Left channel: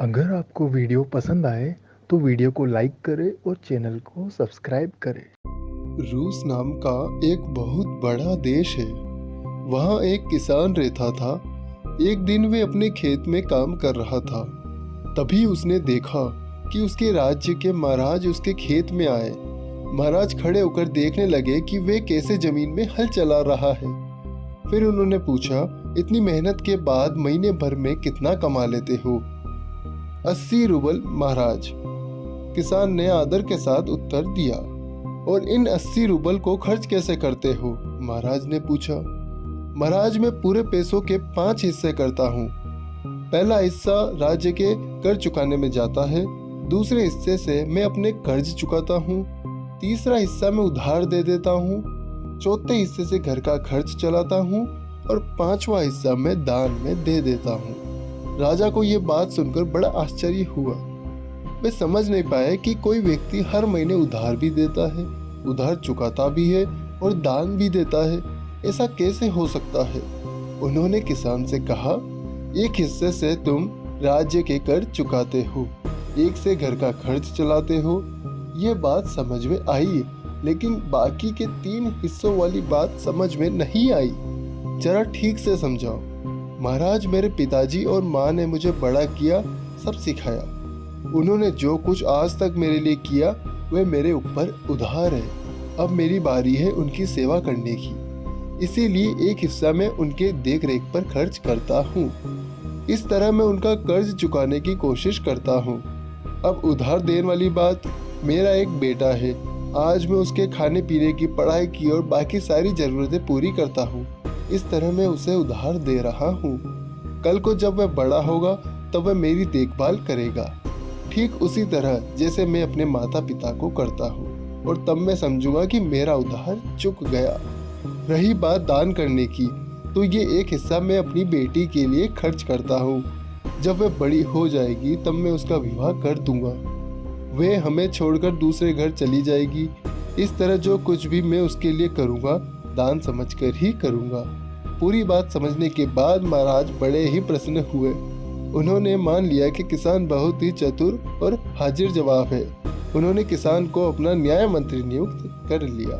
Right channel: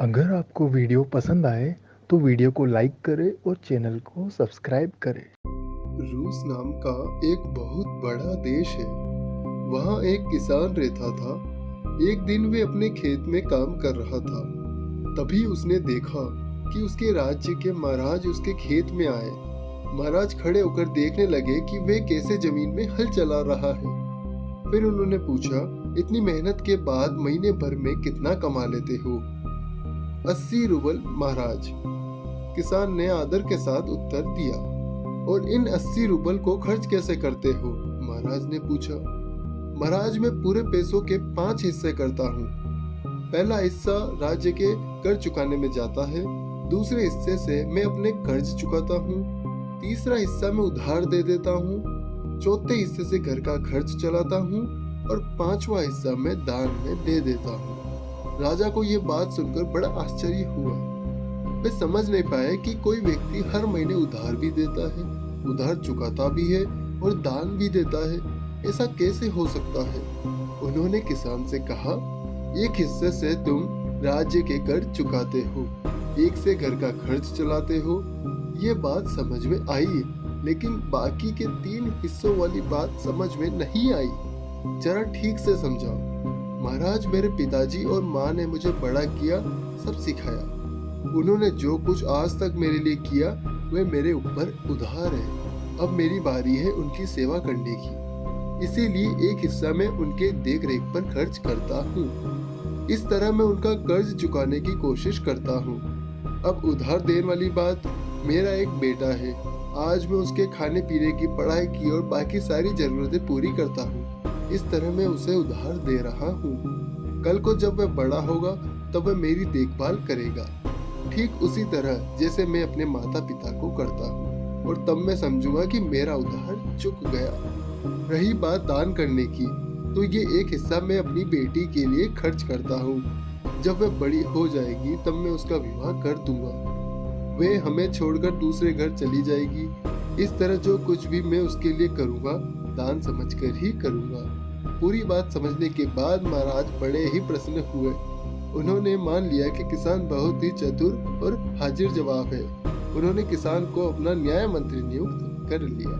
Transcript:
अगर आपको वीडियो पसंद आए तो वीडियो को लाइक करें और चैनल को सब्सक्राइब करें। रूस नाम का एक बहुत बड़ा देश है। वहाँ एक किसान रहता था। एक दिन वे अपने खेत में काम कर रहा था। तभी उसने देखा कि उसके राज्य के महाराज उसके खेत में आए। महाराज खड़े होकर देखने लगे कि वे कैसे जमीन में हल चला रहा है। फिर उन्होंने पूछा, इतनी मेहनत के बाद महीने भर में कितना कमा लेते हो? 80 रूबल महाराज, किसान ने आदर के साथ उत्तर दिया। और इन 80 रूबल को खर्च कैसे करते हो? महाराज ने पूछा। महाराज, मैं पूरे पैसों के 5 हिस्से करता हूँ। पहला हिस्सा राज्य के कर चुकाने में जाता है, दूसरे हिस्से से मैं अपने कर्ज चुकाता हूँ, तीसरा हिस्सा मैं उधार दे देता हूँ, चौथे हिस्से से घर का खर्च चलाता हूँ और पांचवा हिस्सा मैं दान में दे देता हूँ। राजा को ये बात सुनकर बड़ा आश्चर्य हुआ। वे समझ नहीं पाए कि कोई व्यक्ति हर महीने उधार भी देता है, उधार चुकाता भी है और दान भी देता है। ऐसा कैसे हो सकता है? उन्होंने किसान से कहा, एक हिस्से से तुम राज्य के कर चुकाते हो, एक से घर का खर्च चलाते हो। ये बात समझ में आई, लेकिन बाकी के 3 हिस्सों वाली बात समझ में नहीं आई। जरा ठीक से समझाओ। महाराज, मेरे पिताजी और माँ ने मुझे बड़ा किया, सब सिखाया। उन्होंने जो कुछ आज तक मेरे लिए किया वह मेरे ऊपर उधार है। अब मेरी बारी है उनकी सेवा करने की, इसीलिए एक हिस्सा मैं उनके देख रेख पर खर्च करता हूँ। इस तरह मैं उनका कर्ज चुकाने की कोशिश करता हूँ। अब उधार देने वाली बात, मेरा एक बेटा है। आज मैं उसके खाने पीने की, पढ़ाई की और बाकी सारी जरूरतें पूरी करता हूँ। इस तरह मैं उसे उधार दे रहा हूँ। कल को जब वह बड़ा होगा तब वह मेरी देखभाल करेगा, ठीक उसी तरह जैसे मैं अपने माता पिता को करता हूँ। और तब मैं समझूंगा कि मेरा उधार चुक गया। रही बात दान करने की, तो ये एक हिस्सा मैं अपनी बेटी के लिए खर्च करता हूँ। जब वह बड़ी हो जाएगी तब मैं उसका विवाह कर दूंगा। वह हमें छोड़कर दूसरे घर चली जाएगी। इस तरह जो कुछ भी मैं उसके लिए करूँगा, दान समझकर ही करूँगा। पूरी बात समझने के बाद महाराज बड़े ही प्रसन्न हुए। उन्होंने मान लिया कि किसान बहुत ही चतुर और हाजिर जवाब है। उन्होंने किसान को अपना न्याय मंत्री नियुक्त कर लिया।